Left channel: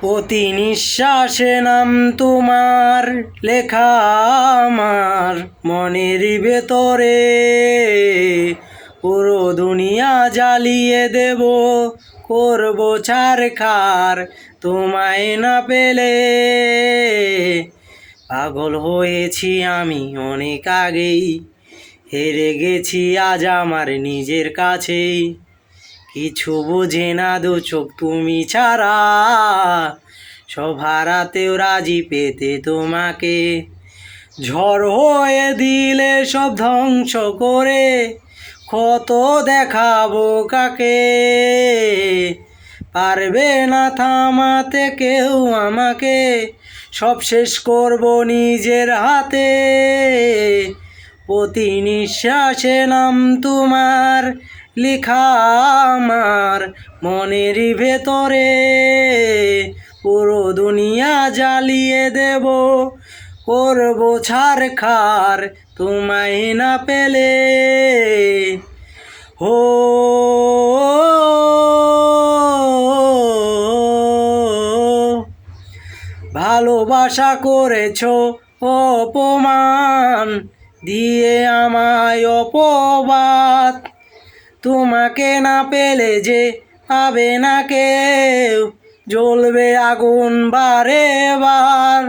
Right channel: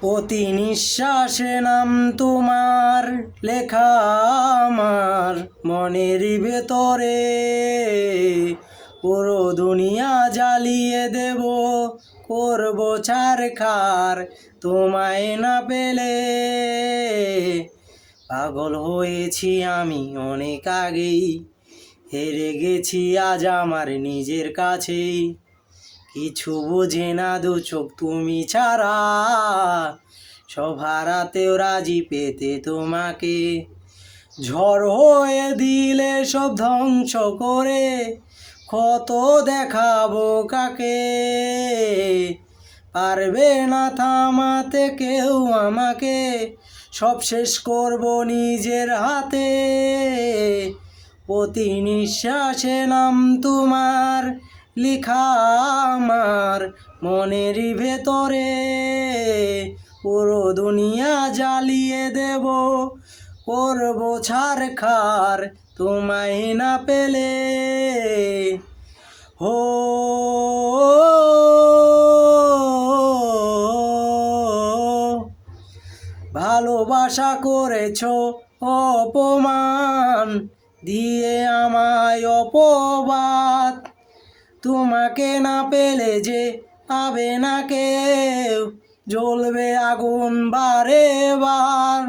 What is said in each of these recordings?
প্রতি নিঃশ্বাসে নাম তোমার লেখা আমার মনের ভেতরে। পুরো দুনিয়া জ্বালিয়ে দেব, করব ছারখার তোমায় না পেলে। পাগল হয়েছি আমি অনেক আগেই, হেরে গেছি আজ আমার নিজের কাছেই। কিছু বোঝে না দু চোখ তুমি ছাড়া, সব হারাতেও রাজি পেতে তোমাকে। ঝড় হয়ে দিলে সব ধ্বংস করে, কত দেখাবো কাকে। পারবে না থামাতে কেউ আমাকে, সব শেষ করব নিজের হাতে। প্রতি নিঃশ্বাসে নাম তোমার লেখা আমার মনের ভেতরে। পুরো দুনিয়া জ্বালিয়ে দেব, করব ছারখার তোমায় না পেলে। হো ভালোবাসা করেছো অপমান, দিয়ে আমায় অপবাদ। তোমাকে না পেলে যে পাবে না কেউ, জ্বলবে আগুন বারে বার।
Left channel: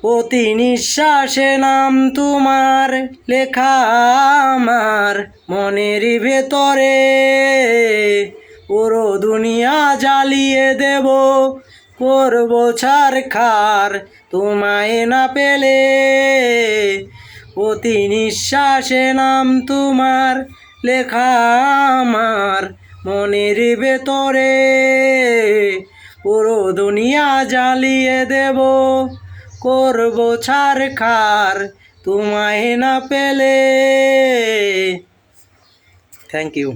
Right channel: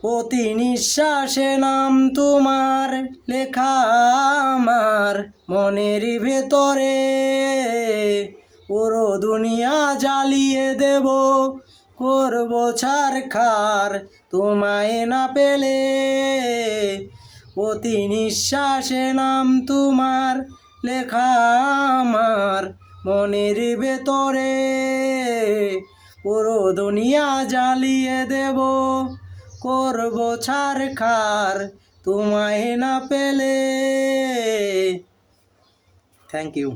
প্রতি নিঃশ্বাসে নাম তোমার লেখা আমার মনের ভেতরে। পুরো দুনিয়া জ্বালিয়ে দেব, করব ছারখার তোমায় না পেলে। প্রতি নিঃশ্বাসে নাম তোমার লেখা আমার মনের ভেতরে। পুরো দুনিয়া জ্বালিয়ে দেব, করব ছারখার তোমায় না পেলে। Thank you.